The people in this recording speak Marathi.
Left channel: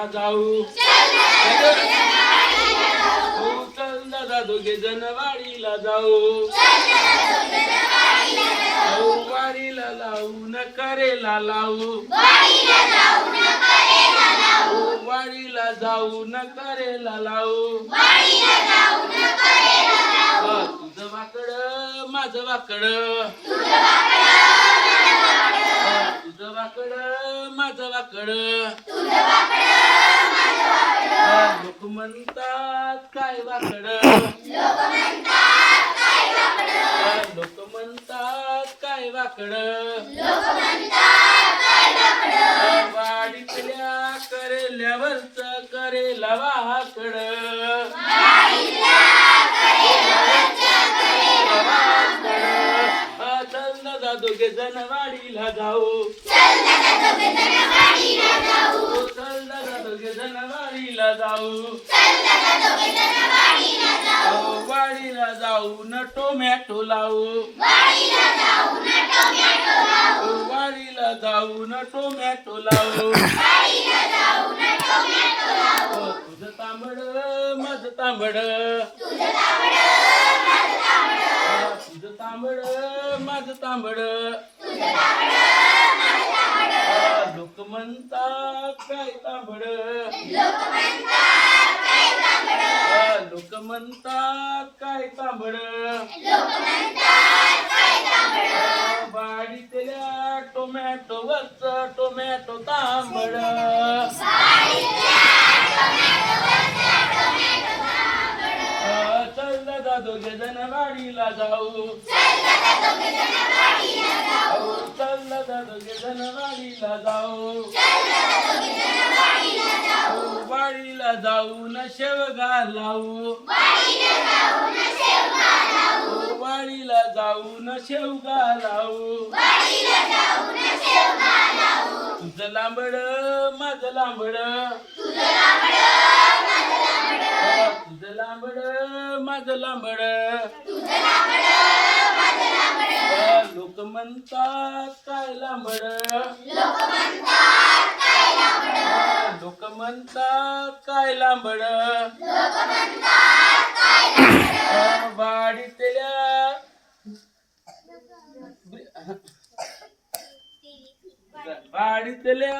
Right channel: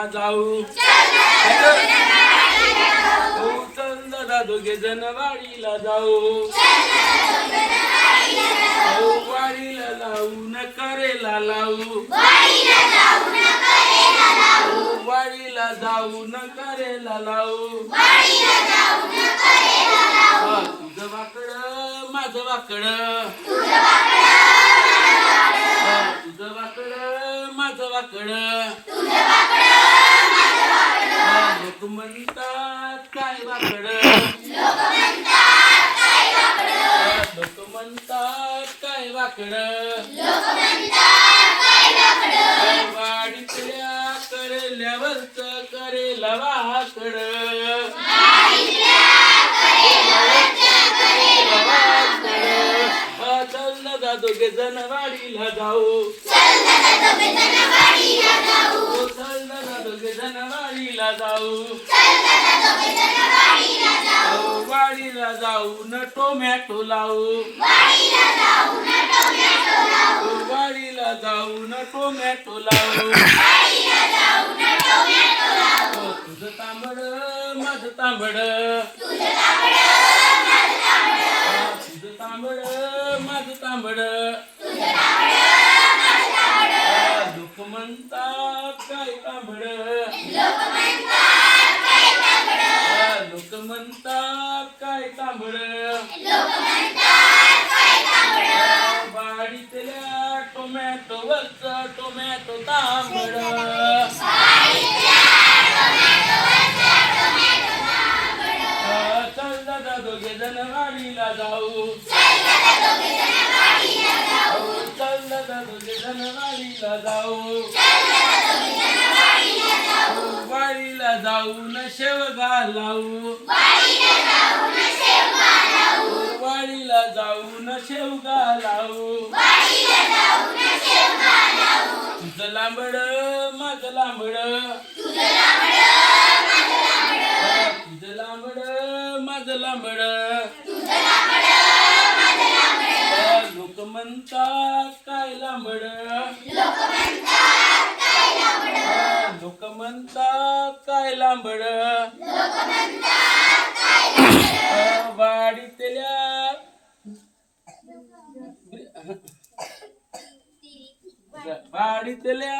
वाडीला जाऊ हो चल दादा दोघे जण वाडीला जाऊ हो वाडीला जाऊ न करेला लावू वाडीला जाऊ न करेला लावू तुझं वाकड माझं वाकड तुझं वाकड माझं वाकड लोक म्हणतात काय वाकड लोक म्हणतात काय वाकड वाडीतल्या करेल्यावरच करेला वाकड चल ना दोघे जण वाडीला जाऊ चल ना दोघे जण वाडीला जाऊ वाडीला जाऊ न टोमॅटो लावू वाडीला जाऊ न टोमॅटो लावू तुझं तांबड माझं तांबड तुझं तांबड माझं तांबड लोक म्हणतात काय तांबड लोक म्हणतात काय तांबड वाडीतल्या टोमॅटो वरच टोमॅटो तांबड चल दादा दोघे जण वाडीला जाऊ चल दादा दोघे जण वाडीला जाऊ वाडीला जाऊ न शेवगा लावू वाडीला जाऊ न शेवगा लावू तुझं लांबड माझं लांबड तुझं लांबड माझं लांबड लोक म्हणतात काय लांबड लोक म्हणतात काय लांबड वाडीतल्या वाडीतल्या